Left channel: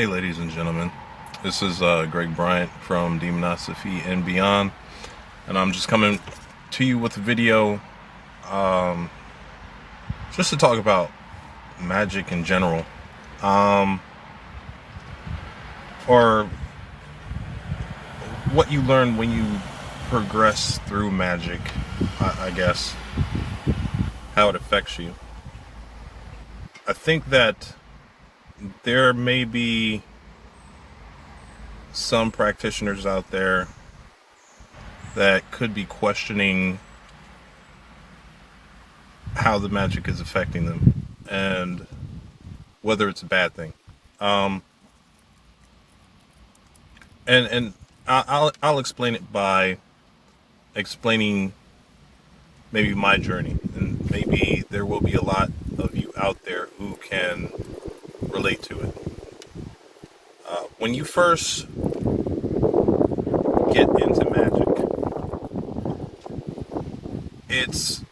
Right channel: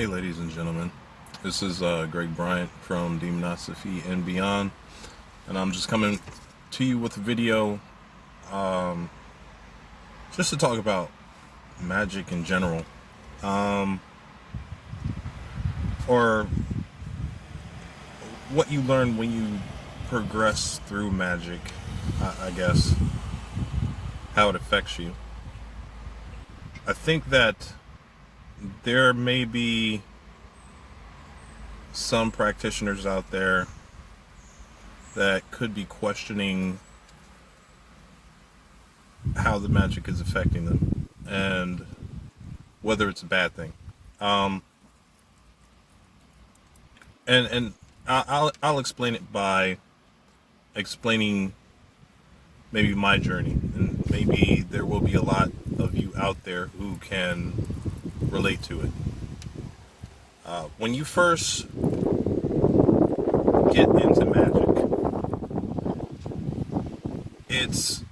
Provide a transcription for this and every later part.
Hey ladies and gentlemen, this is Greg Bryant from Demonosophy and Beyond, and I'm just coming to you with a video um, just to talk about magic in general, um, or what you learn when you progress through magic, I guess, how it affects you. I think that there may be some practitioners out there that could be questioning how the magic is affecting them and whether it's a bad thing. Um, and I'll explain it by explaining maybe my journey, and maybe there will be a lot of you out there who can relate to it. When you first get into magic, it's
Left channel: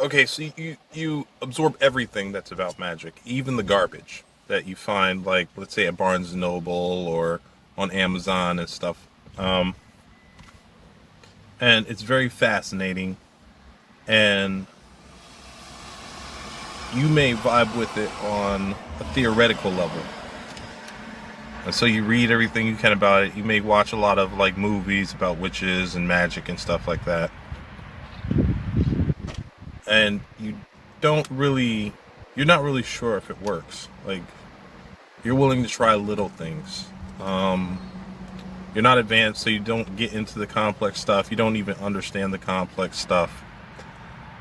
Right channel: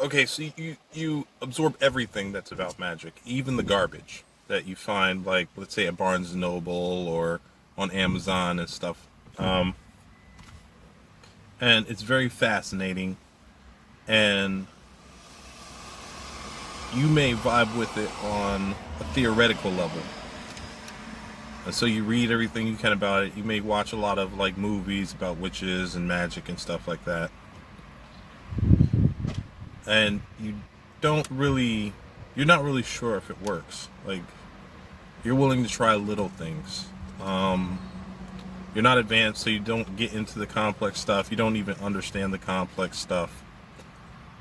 okay. So you absorb everything that's about magic, even the garbage that you find, like let's say at Barnes and Noble or on Amazon and stuff. Um, and it's very fascinating, and you may vibe with it on a theoretical level. And so you read everything you can about it. You may watch a lot of like movies about witches and magic and stuff like that. And you're not really sure if it works. Like, you're willing to try little things. You're not advanced, so you don't get into the complex stuff. You don't even understand the complex stuff.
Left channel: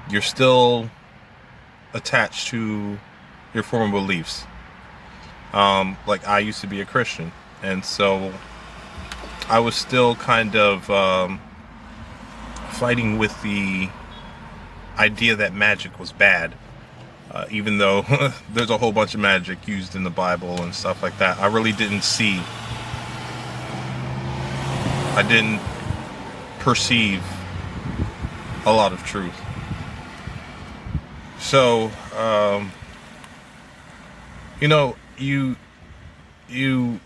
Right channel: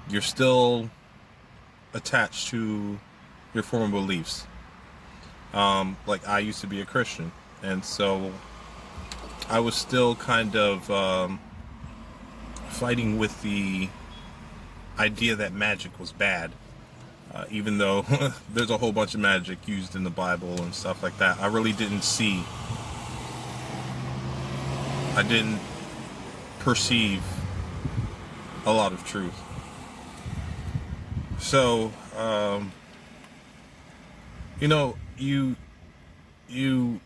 You're still attached to your former beliefs. Like I used to be a Christian, and so I was still kind of fighting with the idea that magic was bad, even though there's a whole bunch of magic used in the Bible and stuff like that. I didn't perceive a lot of truth. So, you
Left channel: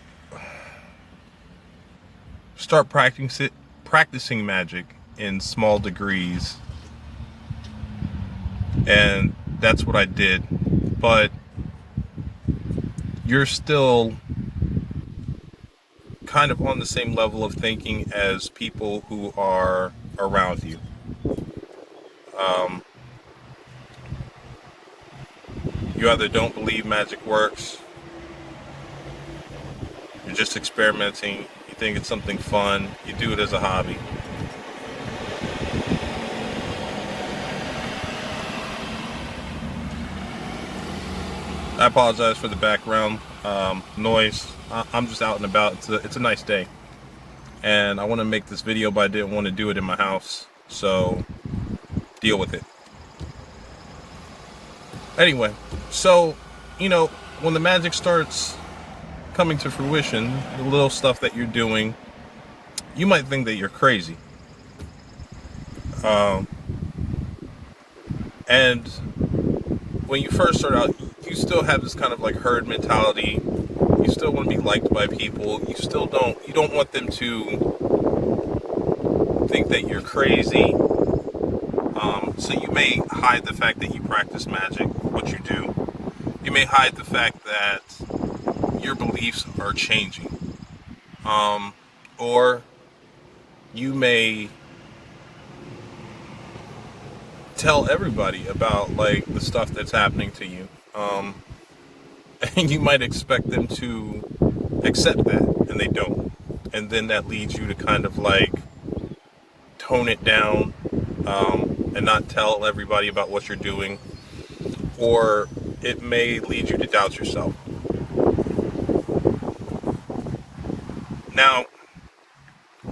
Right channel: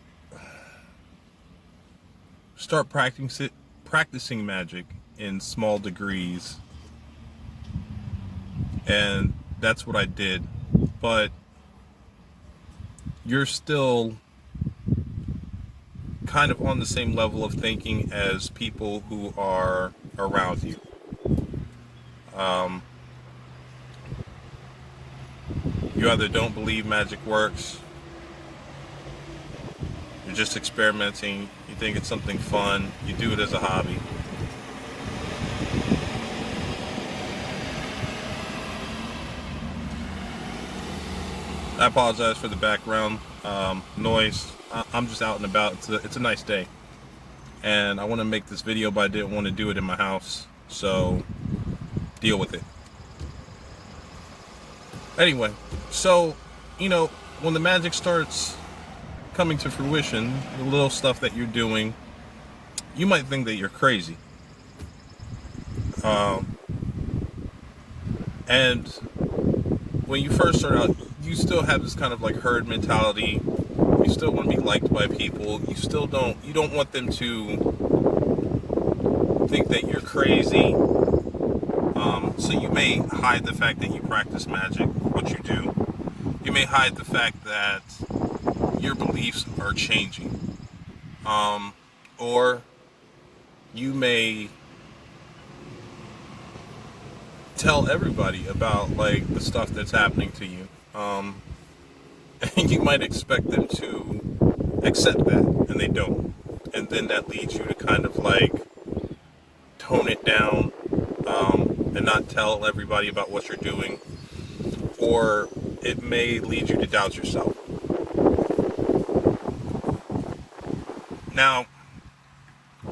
start practicing magic in small degrees, and that's what I did. But you're still kind of on the same level of thinking as people who are around you. Um, you either don't believe magic works, you're just experimenting, you think it's something fun, you do it as a hobby. I apologize for the background noise. I'm just out and about. It's a nice day, and I want to make this video, but I didn't want to do it in my house, so deal with it. Anyway, so when the magic starts coming to fruition, the little stuff that you're doing, you might think that you're crazy. And when you first start out, you still have this kind of like herd mentality. You still want to be liked by people. You don't want them to think that you're crazy. So you may hide the fact that you practice magic, what you do. You may hide the fact that your beliefs are changing. Or you may tell everybody about like the stuff that's happening to you. And you might expect them to accept that, and they don't. And then that leads you to kind of like tone it down, and not tell everybody about what you're doing. Or it may lead you to doubt yourself. Now,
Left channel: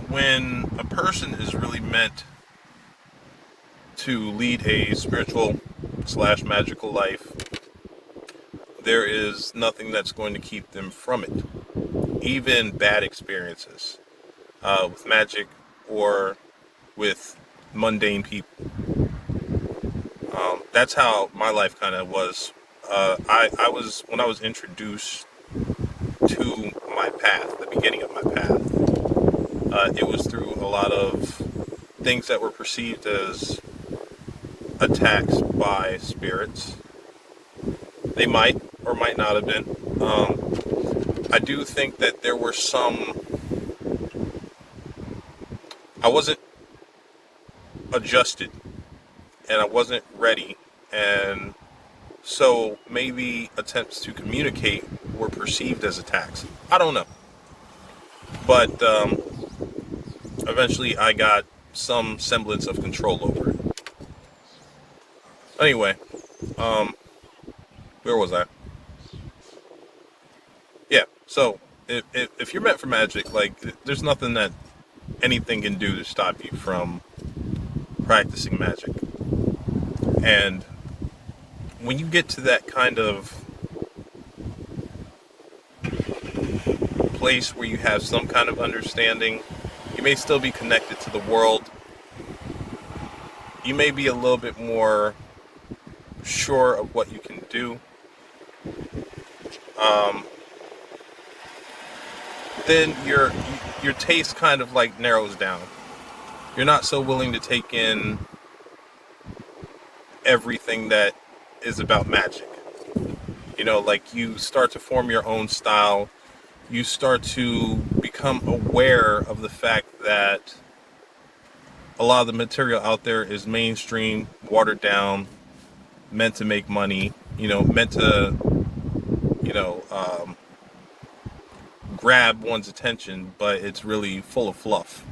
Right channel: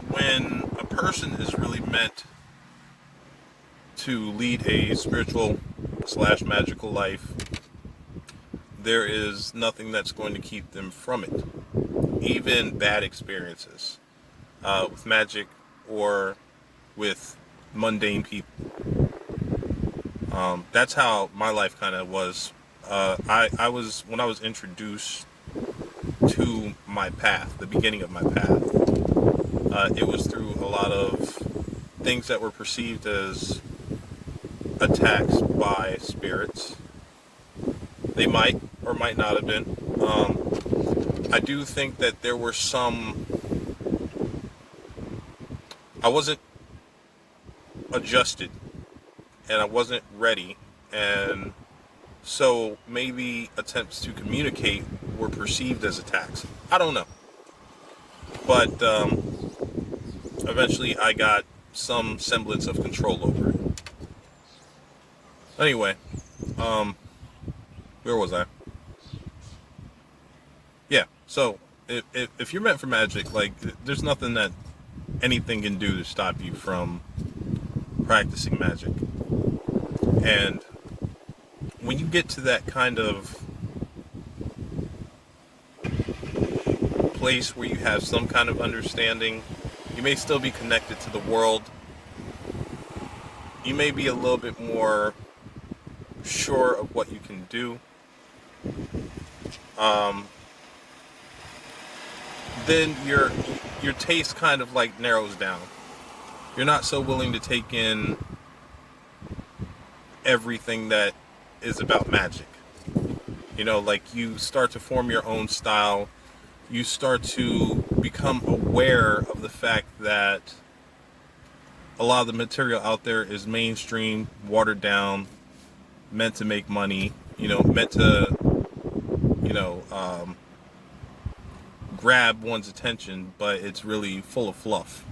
when a person is really meant to lead a spiritual / magical life, there is nothing that's going to keep them from it. Even bad experiences with magic or with mundane people. That's how my life kind of was. I was when I was introduced to my path, the beginning of my path. It was through a lot of things that were perceived as attacks by spirits. They might or might not have been. I do think that there were some. I wasn't adjusted and I wasn't ready, and so maybe attempts to communicate were perceived as attacks. I don't know. But eventually I got some semblance of control over it. Anyway, where was I? Yeah, so if you're meant for magic, like, there's nothing that anything can do to stop you from practicing magic. And when you get to that kind of place where you have some kind of understanding, you may still be connected to the world. You may be a little bit more sure of what you can do. Then your taste kind of like narrows down. You're not so willing to take in everything that is about magic. You know, like, you start to form your own style. You start to become aware of the fact that a lot of the material out there is mainstream, watered down, meant to make money, meant to, grab one's attention, but it's really full of fluff.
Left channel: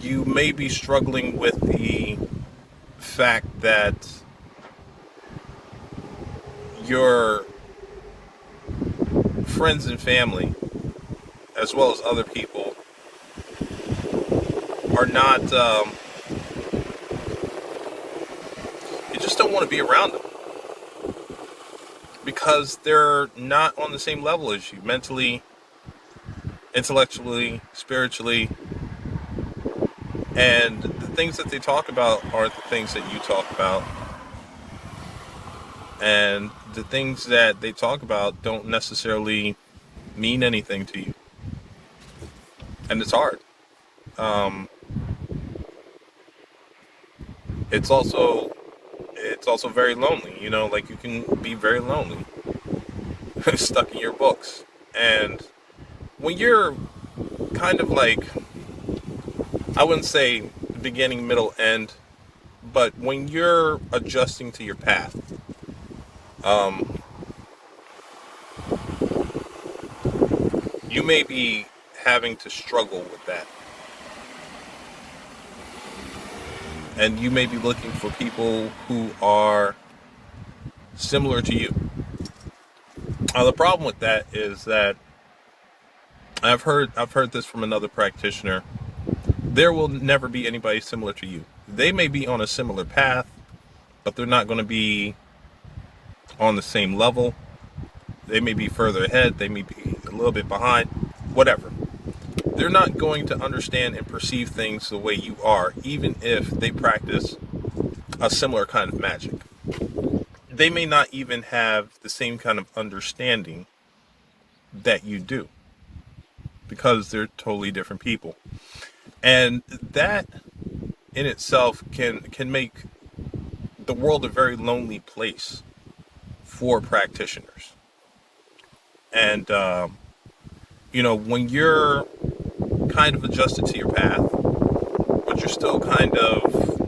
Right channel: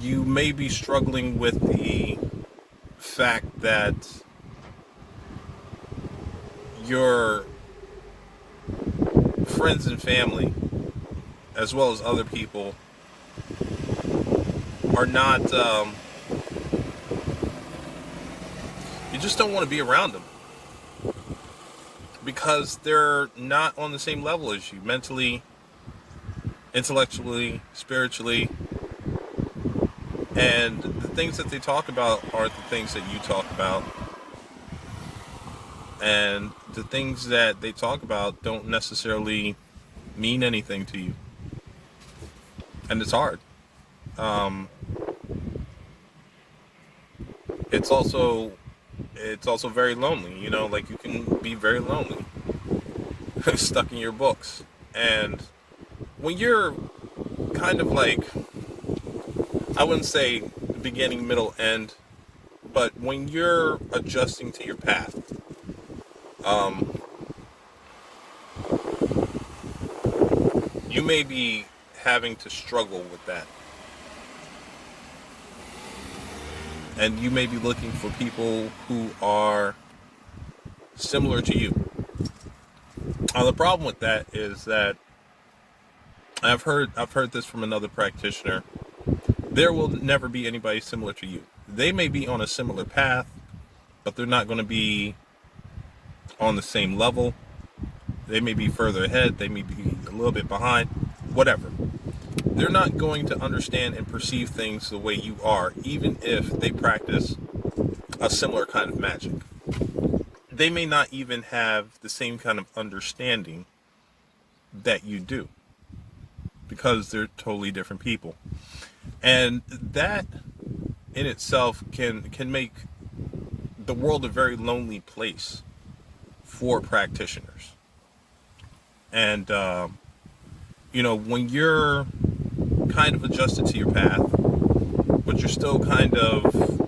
You may be struggling with the fact that your friends and family, as well as other people, are not, you just don't want to be around them because they're not on the same level as you, mentally, intellectually, spiritually. And the things that they talk about aren't the things that you talk about. And the things that they talk about don't necessarily mean anything to you. And it's hard. It's also very lonely, like, you can be very lonely stuck in your books. And when you're kind of like, I wouldn't say beginning, middle, end, but when you're adjusting to your path, you may be having to struggle with that. And you may be looking for people who are similar to you. Now, the problem with that is that I've heard this from another practitioner. There will never be anybody similar to you. They may be on a similar path, but they're not going to be on the same level. They may be further ahead. They may be a little bit behind. Whatever. They're not going to understand and perceive things the way you are, even if they practice a similar kind of magic. They may not even have the same kind of understanding that you do, because they're totally different people. And that in itself can make the world a very lonely place for practitioners. And when you're kind of adjusted to your path, but you're still kind of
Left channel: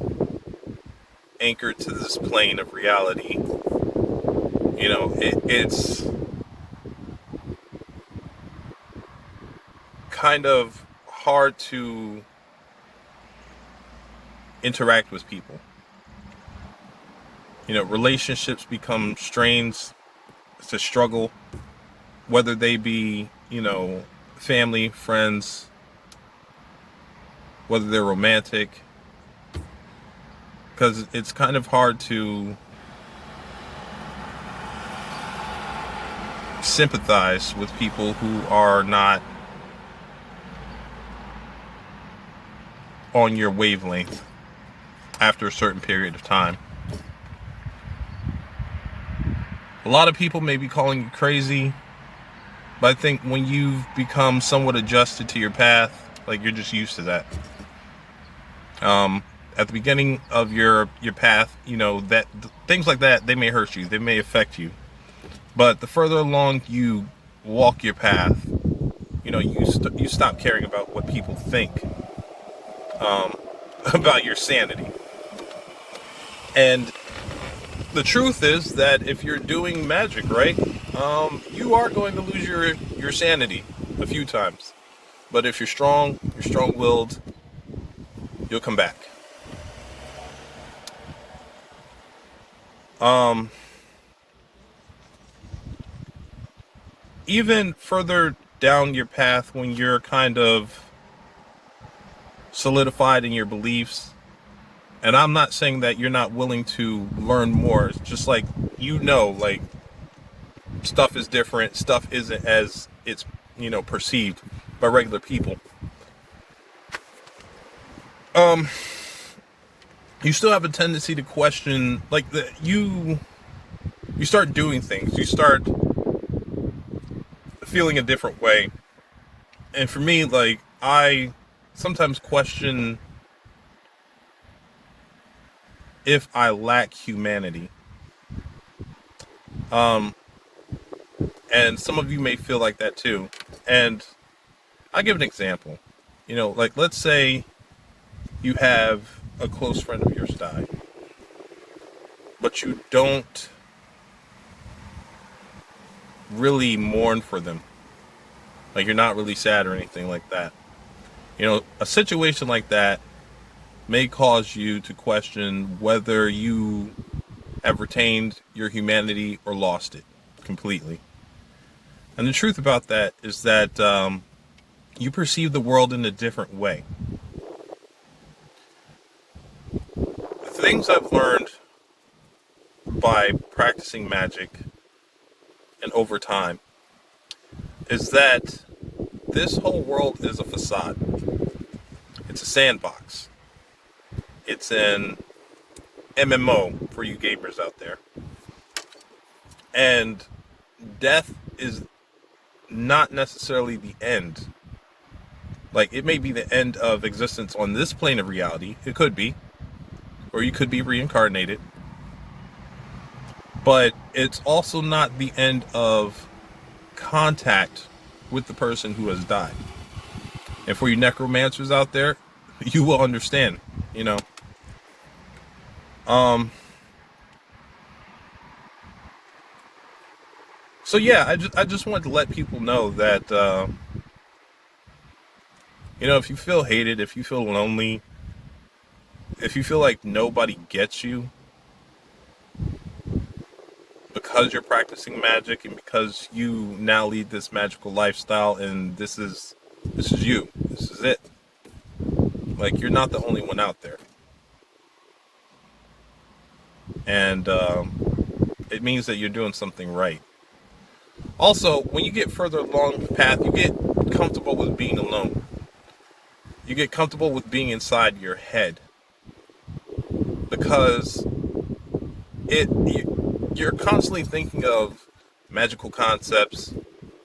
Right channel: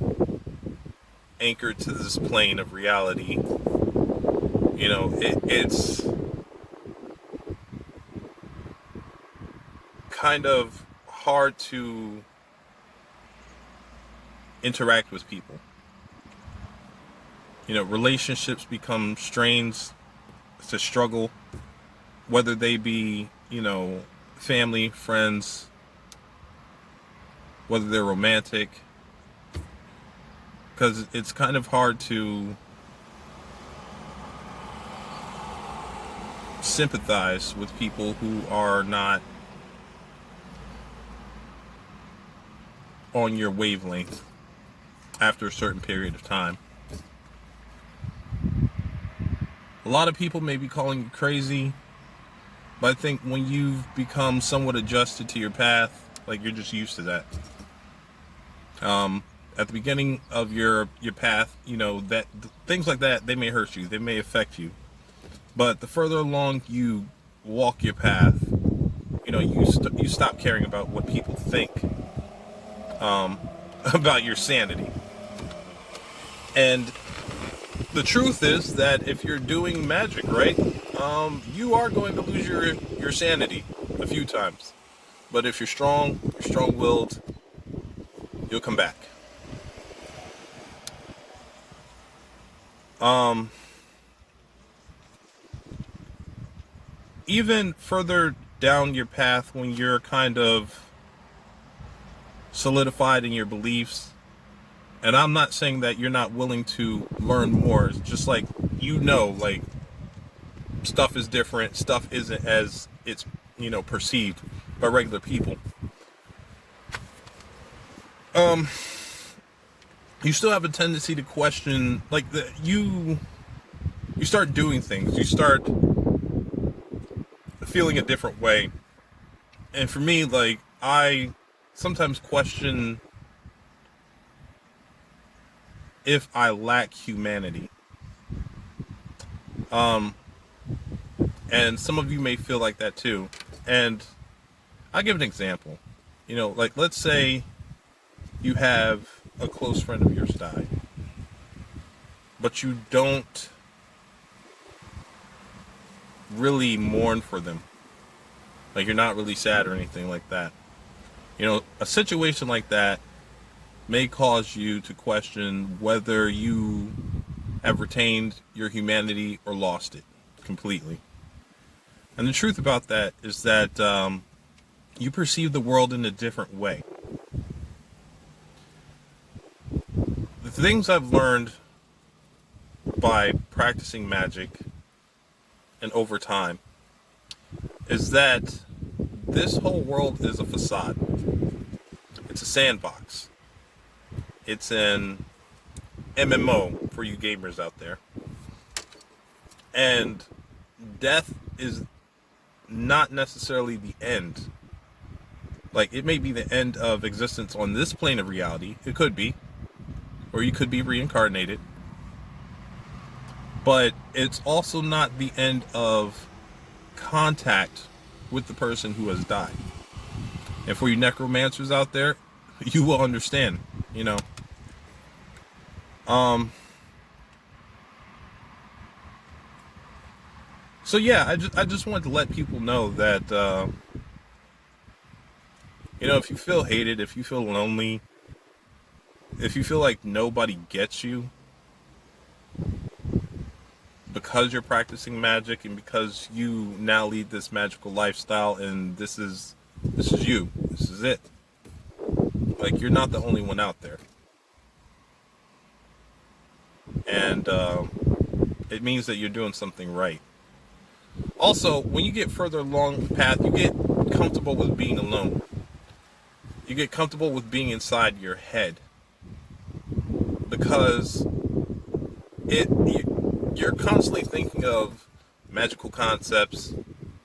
anchored to this plane of reality, it's kind of hard to interact with people. Relationships become strains. It's a struggle, whether they be, family, friends, whether they're romantic, because it's kind of hard to sympathize with people who are not on your wavelength. after a certain period of time. A lot of people may be calling you crazy, but I think when you've become somewhat adjusted to your path, like you're just used to that. At the beginning of your path, you know, that things like that, they may hurt you, they may affect you. But the further along you walk your path, you know, you stop caring about what people think about your sanity. And the truth is that if you're doing magic right, you are going to lose your sanity a few times. But if you're strong-willed, you'll come back. Even further down your path, when you're kind of solidified in your beliefs, and I'm not saying that you're not willing to learn more. It's just like, you know, like, stuff is different. Stuff isn't as it's, you know, perceived by regular people. You still have a tendency to question, like, you start doing things. You start feeling a different way. And for me, like, I sometimes question if I lack humanity. And some of you may feel like that too. And I'll give an example. You know, like, let's say you have a close friend of yours die, but you don't really mourn for them. Like, you're not really sad or anything like that. You know, a situation like that may cause you to question whether you have retained your humanity or lost it completely. And the truth about that is that you perceive the world in a different way. The things I've learned by practicing magic and over time is that this whole world is a facade. It's a sandbox. It's an MMO for you gamers out there. And death is not necessarily the end. Like, it may be the end of existence on this plane of reality. It could be. Or you could be reincarnated. But it's also not the end of contact with the person who has died. And for you necromancers out there, you will understand, you know. So yeah, I just wanted to let people know that, you know, if you feel hated, if you feel lonely, if you feel like nobody gets you because you're practicing magic and because you now lead this magical lifestyle and this is you, this is it. Like, you're not the only one out there. And it means that you're doing something right. Also, when you get further along the path, you get comfortable with being alone. You get comfortable with being inside your head. Because you're constantly thinking of magical concepts,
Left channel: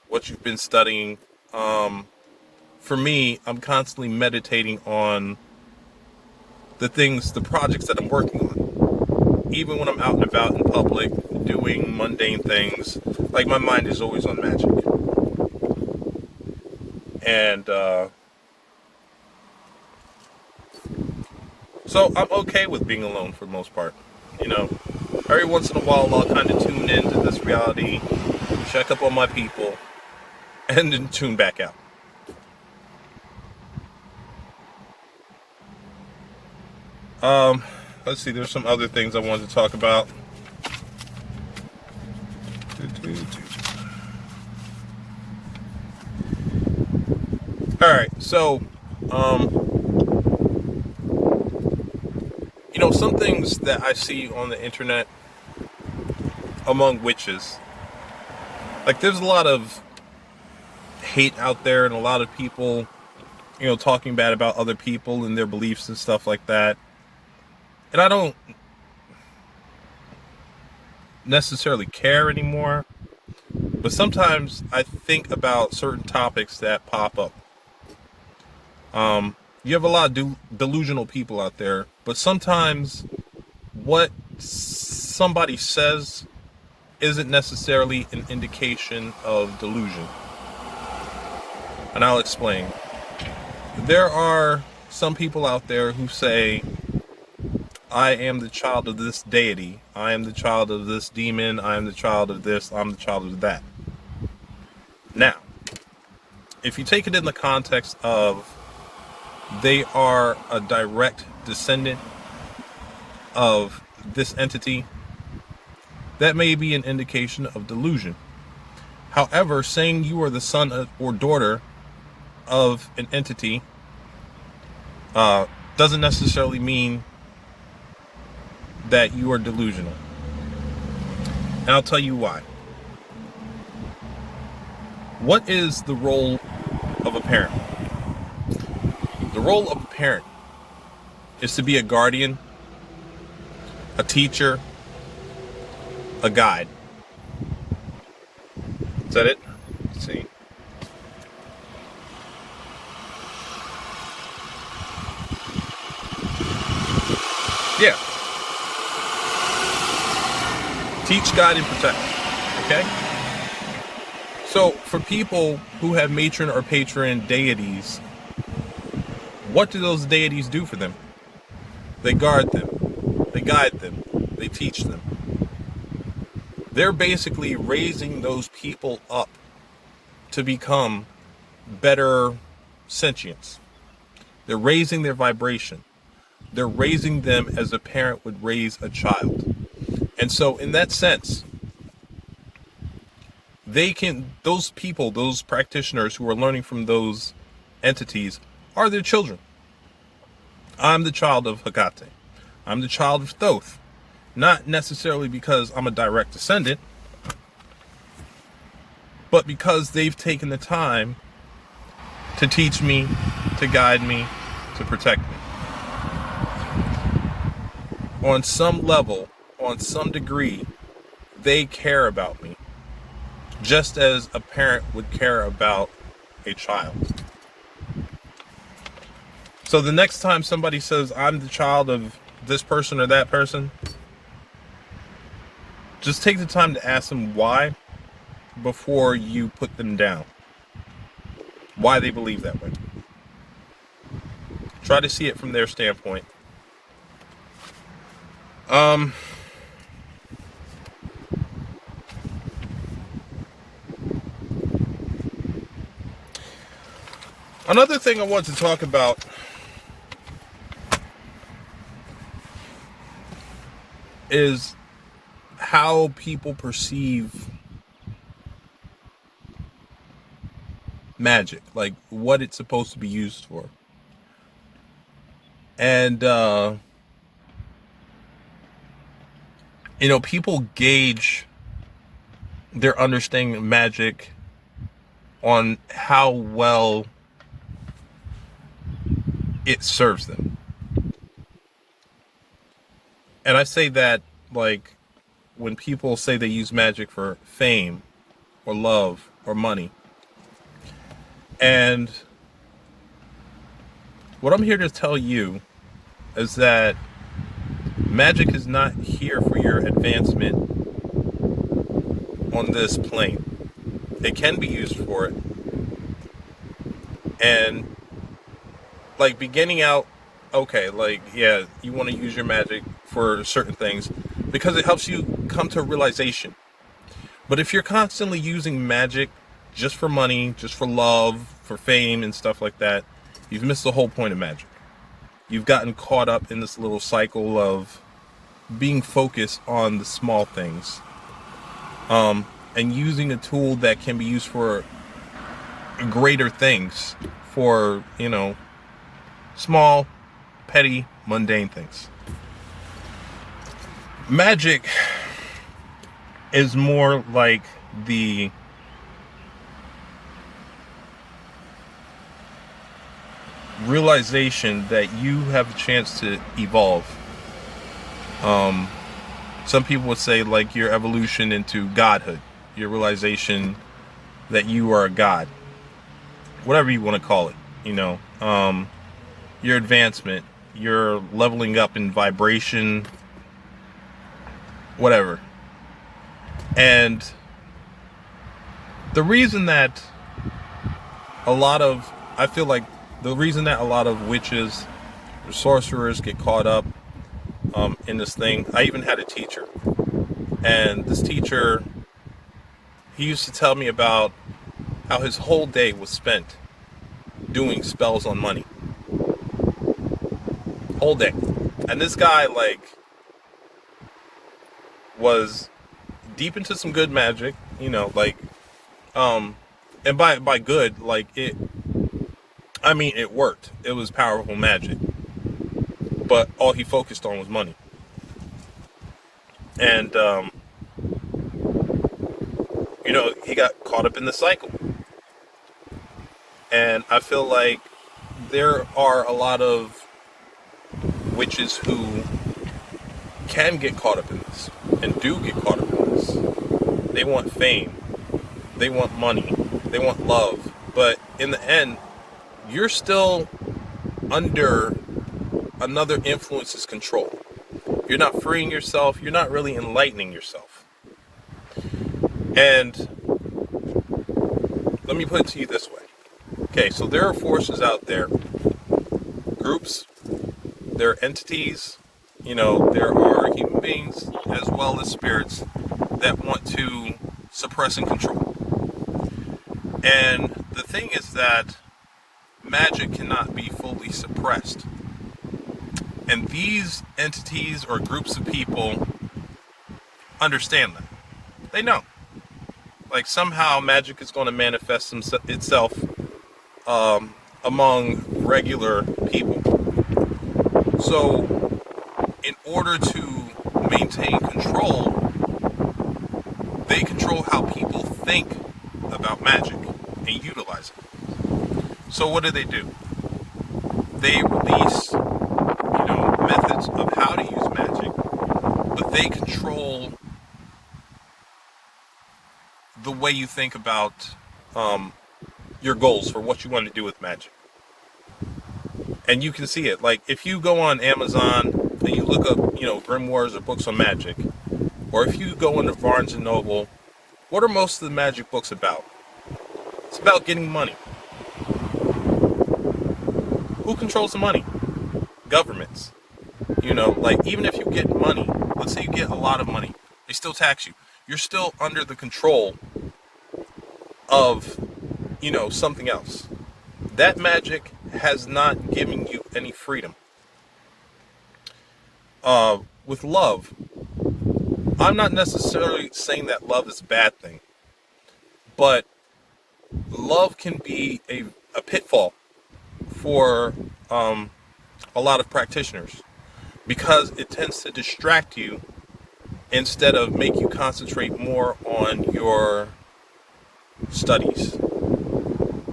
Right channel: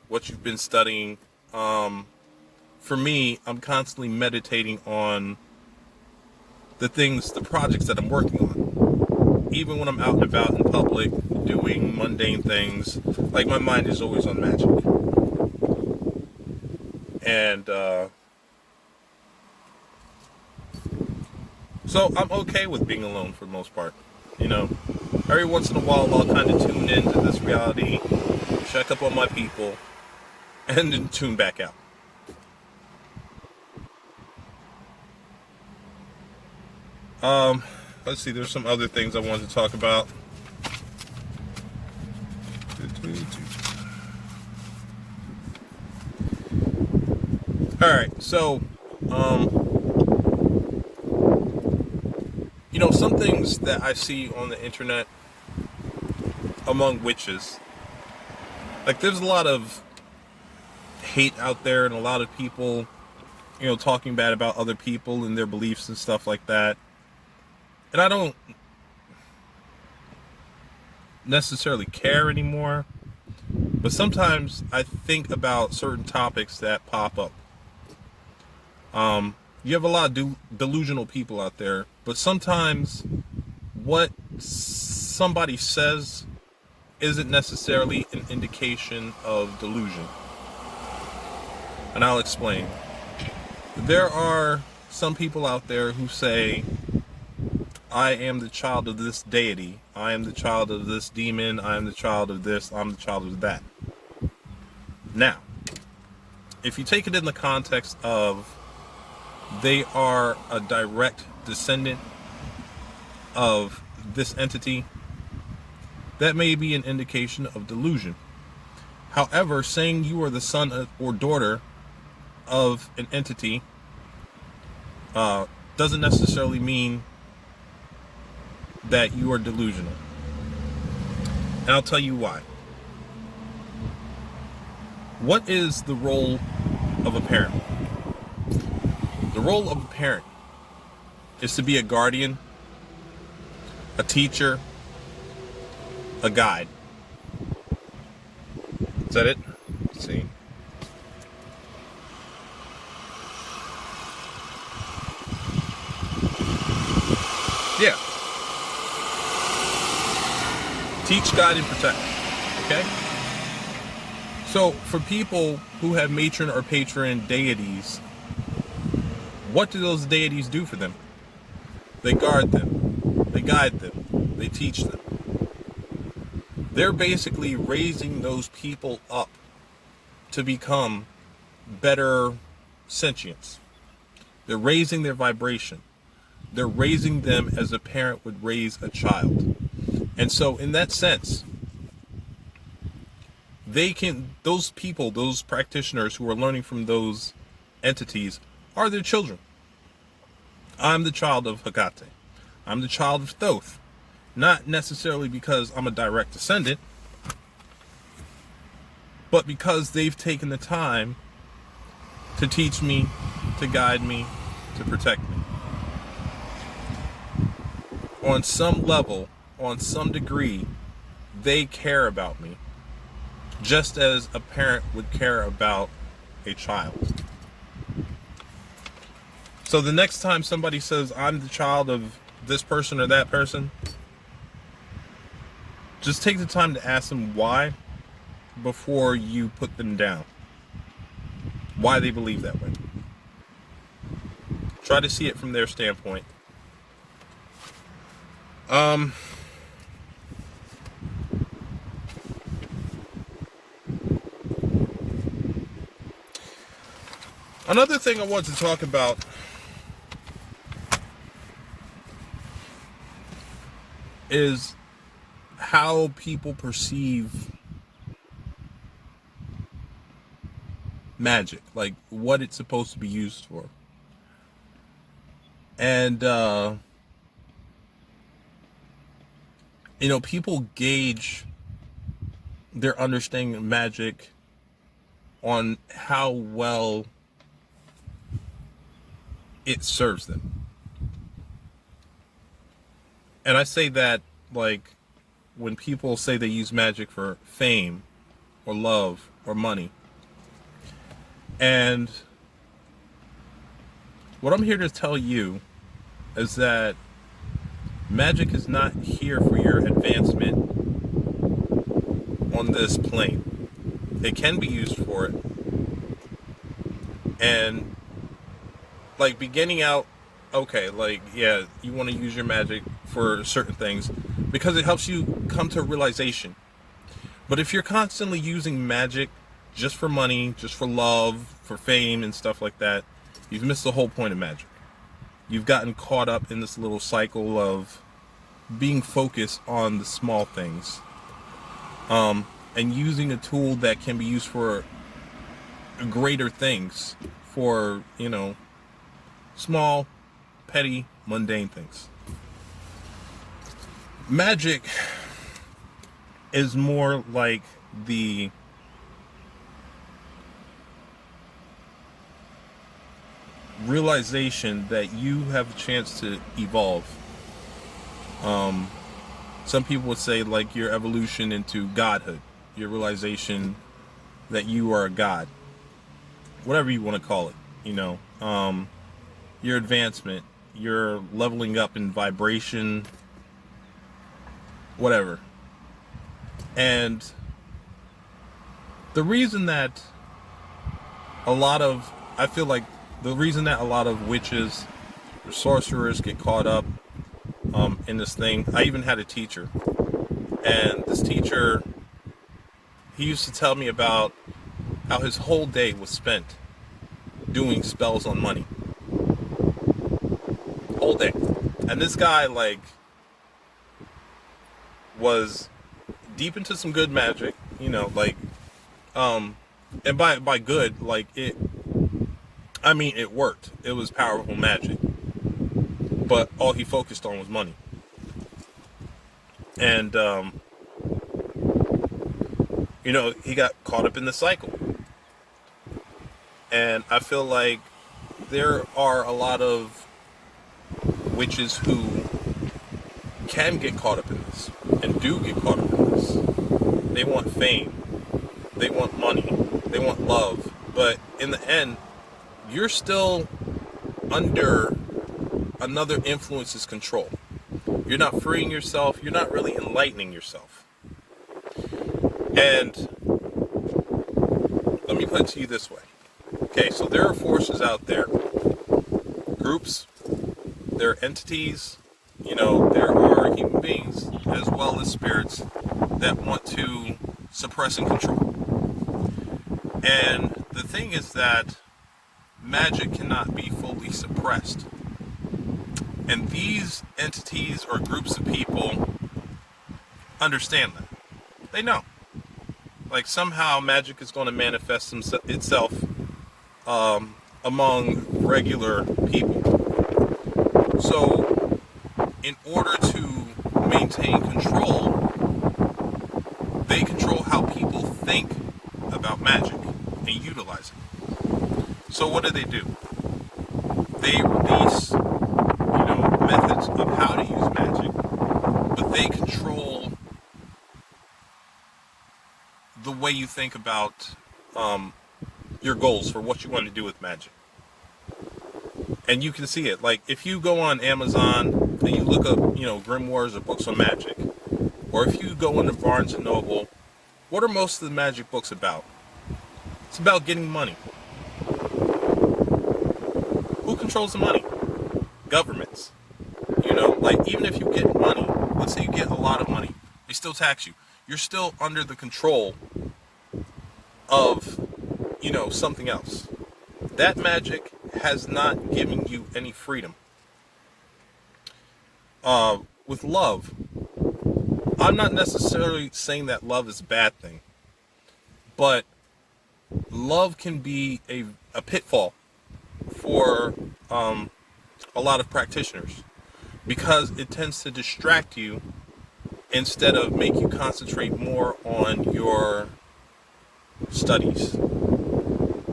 what you've been studying. For me, I'm constantly meditating on the projects that I'm working on. Even when I'm out and about in public, doing mundane things, like, my mind is always on magic. And so I'm okay with being alone for the most part. You know, every once in a while I'll kind of tune into this reality, check up on my people, and then tune back out. Let's see, there's some other things I wanted to talk about. Alright, so, you know, some things that I see on the internet among witches, like, there's a lot of hate out there and a lot of people, you know, talking bad about other people and their beliefs and stuff like that. And I don't necessarily care anymore, but sometimes I think about certain topics that pop up. You have a lot of delusional people out there, but sometimes what somebody says isn't necessarily an indication of delusion. And I'll explain. There are some people out there who say, I am the child of this deity, I am the child of this demon, I am the child of this, I'm the child of that. Now, if you take it in the context of they are a direct descendant of this entity, that may be an indication of delusion. However, saying you are the son or daughter of an entity doesn't necessarily mean that you are delusional. And I'll tell you why. What is the role of a parent? The role of a parent is to be a guardian, a teacher, a guide. Is that it? Let's see. Yeah. Teach, guide, and protect. Okay? So, for people who have matron or patron deities, what do those deities do for them? They guard them. They guide them. They teach them. They're basically raising those people up to become better sentients. They're raising their vibration. They're raising them as a parent would raise a child. And so in that sense, those people, those practitioners who are learning from those entities are their children. I'm the child of Hecate. I'm the child of Thoth. Not necessarily because I'm a direct descendant, but because they've taken the time to teach me, to guide me, to protect me. On some level, on some degree, they care about me, just as a parent would care about a child. So the next time somebody says, I'm the child of this person or that person, just take the time to ask them why before you put them down. Why they believe that way. Try to see it from their standpoint. Another thing I want to talk about is how people perceive magic, like what it's supposed to be used for. And people gauge their understanding of magic on how well it serves them. And I say that, like, when people say they use magic for fame or love or money. And what I'm here to tell you is that magic is not here for your advancement on this plane. It can be used for it. And, like, beginning out, okay, like, yeah, you want to use your magic for certain things because it helps you come to a realization. But if you're constantly using magic just for money, just for love, for fame and stuff like that, you've missed the whole point of magic. You've gotten caught up in this little cycle of being focused on the small things, and using a tool that can be used for greater things, for, small, petty, mundane things. Magic is more like the realization that you have a chance to evolve. Some people would say like your evolution into godhood, your realization that you are a god, whatever you want to call it, your advancement, your leveling up in vibration, whatever. And the reason that I feel like the reason that a lot of witches, sorcerers get caught up in this thing. I even had a teacher, and this teacher, he used to tell me about how his whole day was spent doing spells on money. Whole day. And this guy, like, was deep into some good magic, and by good, like, it worked. It was powerful magic. But all he focused on was money. And, he got caught up in the cycle. And I feel like there are a lot of witches who can get caught up in this and do get caught up in this. They want fame. They want money. They want love. But in the end, you're still under another influence's control. You're not freeing yourself. You're not really enlightening yourself. And let me put it to you this way. Okay, so there are forces out there, groups, there are entities, there are human beings as well as spirits that want to suppress and control. And the thing is that magic cannot be fully suppressed. And these entities or groups of people understand that. They know. Like somehow magic is going to manifest itself among regular people. So in order to maintain control, they control how people think about magic and utilize it. So what do? They release, methods of how to use magic, but they control the way you think about your goals for what you want to do with magic. And you can see it. Like if you go on Amazon and you look up, grimoires or books on magic, or if you go into Barnes and Noble, what are most of the magic books about? It's about getting money. Who controls the money? Governments. Even if you get money, let's say you get a lot of money, they still tax you. You're still under the control of, something else. That magic has not given you any freedom. With love, I'm not necessarily saying that love is a bad thing, but love can be a pitfall for a lot of practitioners because it tends to distract you instead of make you concentrate more on your studies.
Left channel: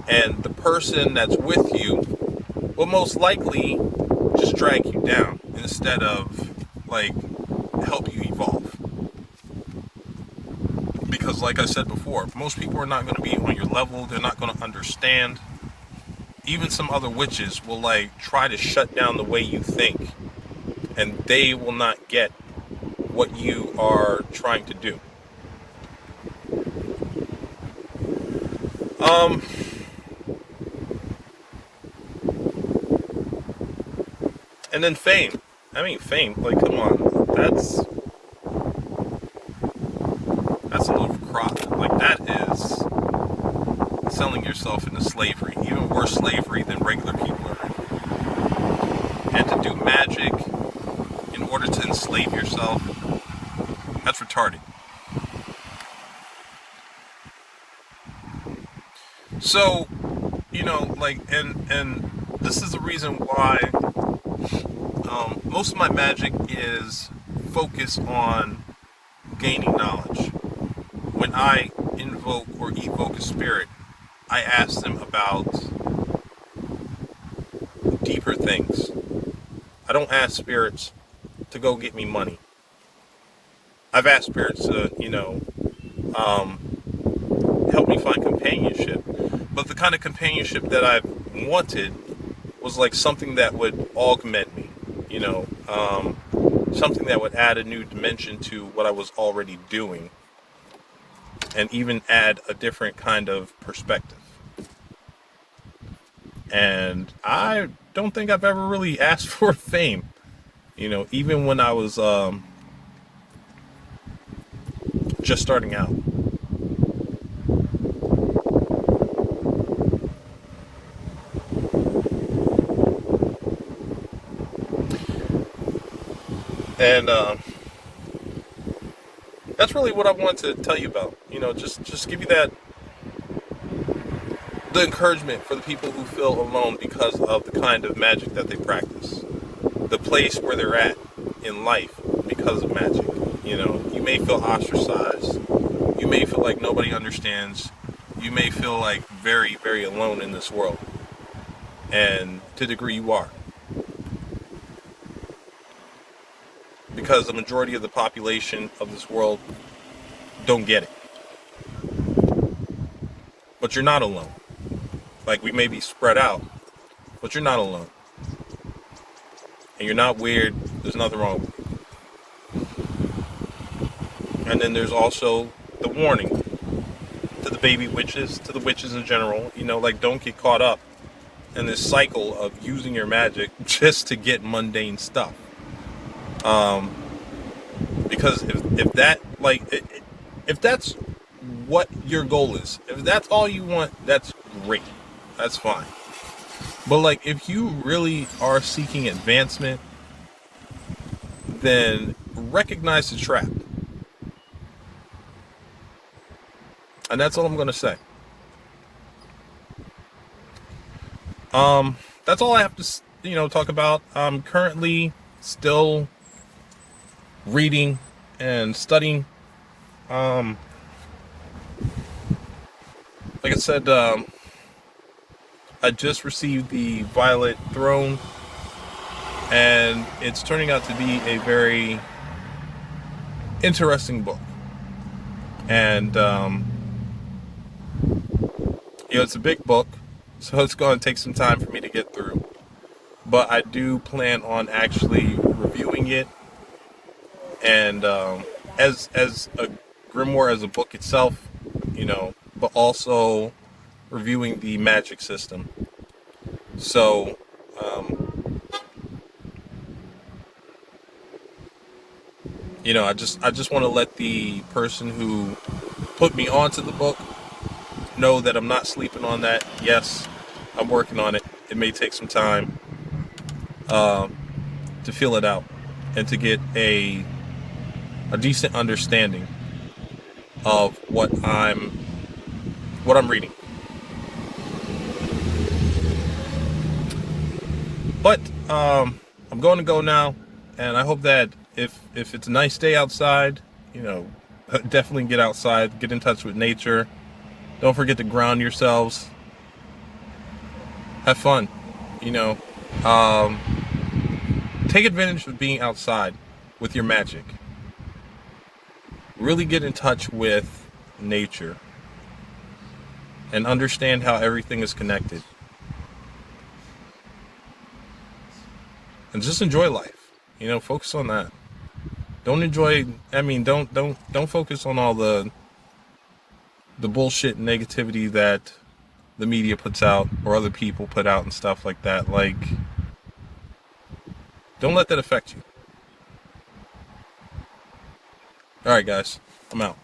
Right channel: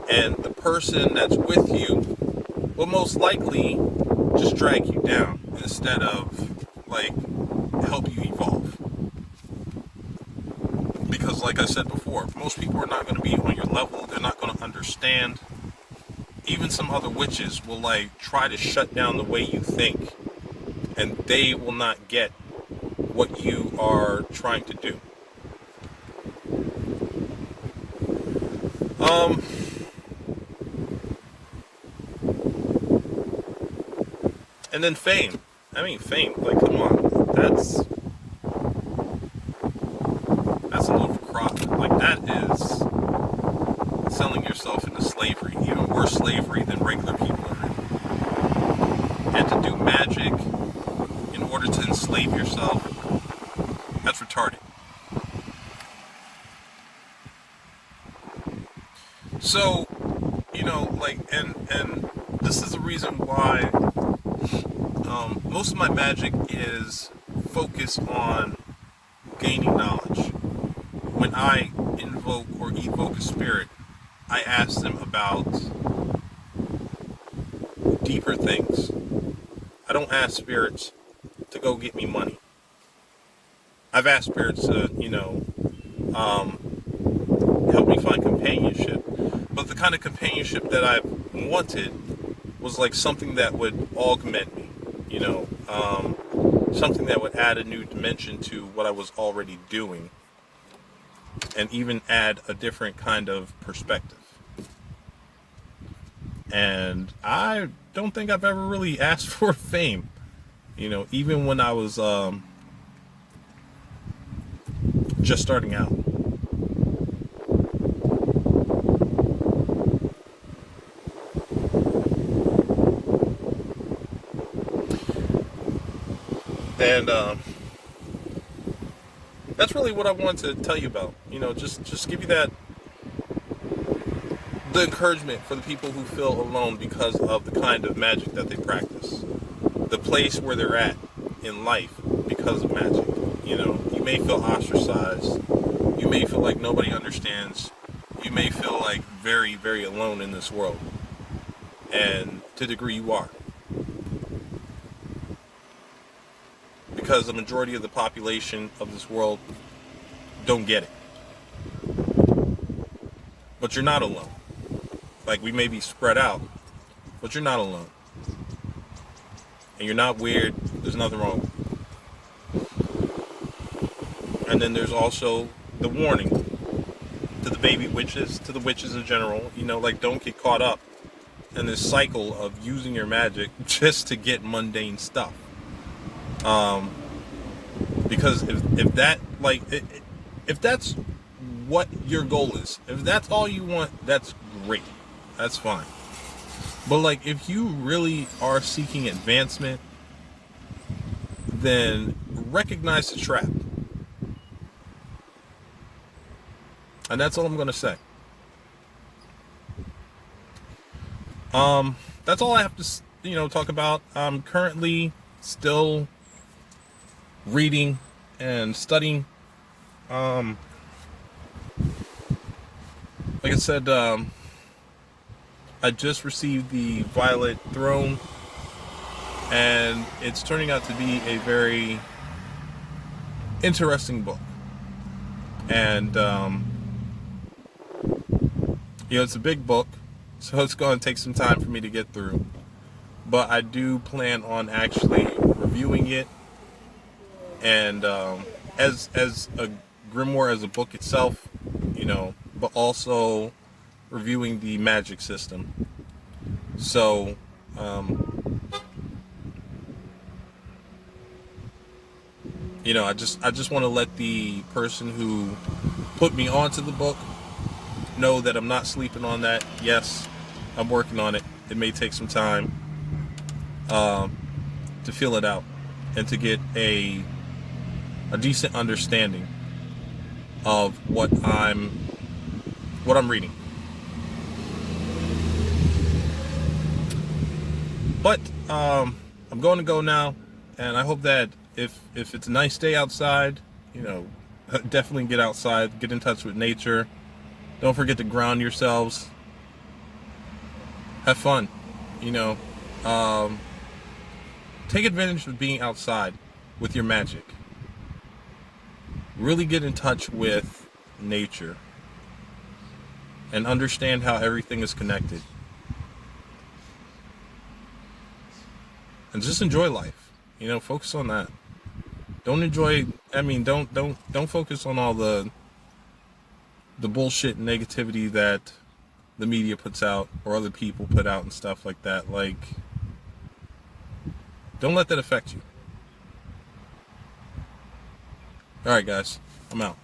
And the person that's with you will most likely just drag you down instead of help you evolve. Because like I said before, most people are not going to be on your level. They're not going to understand. Even some other witches will try to shut down the way you think, and they will not get what you are trying to do. And then fame. Fame. Come on. That's a little crop. That is selling yourself into slavery. Even worse slavery than regular people are in. And to do magic in order to enslave yourself, that's retarded. So, and this is the reason why most of my magic is focused on gaining knowledge. When I invoke or evoke a spirit, I ask them about deeper things. I don't ask spirits to go get me money. I've asked spirits to, help me find companionship. But the kind of companionship that I've wanted was like something that would augment me, something that would add a new dimension to what I was already doing, and even add a different kind of perspective. And I don't think I've ever really asked for fame, even when I was just starting out. And that's really what I wanted to tell you about. Just give you the encouragement for the people who feel alone because of the kind of magic that they practice, the place where they're at in life because of magic. You may feel ostracized. You may feel like nobody understands. You may feel like very, very alone in this world. And to a degree you are. Because the majority of the population of this world don't get it. But you're not alone. Like, we may be spread out, but you're not alone. And you're not weird. There's nothing wrong with you. And then there's also the warning to the baby witches, to the witches in general, don't get caught up in this cycle of using your magic just to get mundane stuff. Because if that's what your goal is, if that's all you want, that's great. That's fine. But if you really are seeking advancement, then recognize the trap. And that's all I'm going to say. That's all I have to, talk about. I'm currently still reading and studying. Like I said, I just received the Violet Throne, and it's turning out to be a very interesting book. And it's a big book, so it's going to take some time for me to get through. But I do plan on actually reviewing it, and as a grimoire, as a book itself, but also reviewing the magic system. So I just want to let the person who put me onto the book know that I'm not sleeping on that. Yes, I'm working on it. It may take some time to feel it out and to get a decent understanding of what I'm reading. But I'm going to go now, and I hope that if it's a nice day outside, definitely get outside, get in touch with nature. Don't forget to ground yourselves. Have fun, take advantage of being outside with your magic. Really get in touch with nature and understand how everything is connected. And just enjoy life. Focus on that. Don't focus on all the bullshit and negativity that the media puts out or other people put out and stuff like that. Don't let that affect you. All right, guys, I'm out.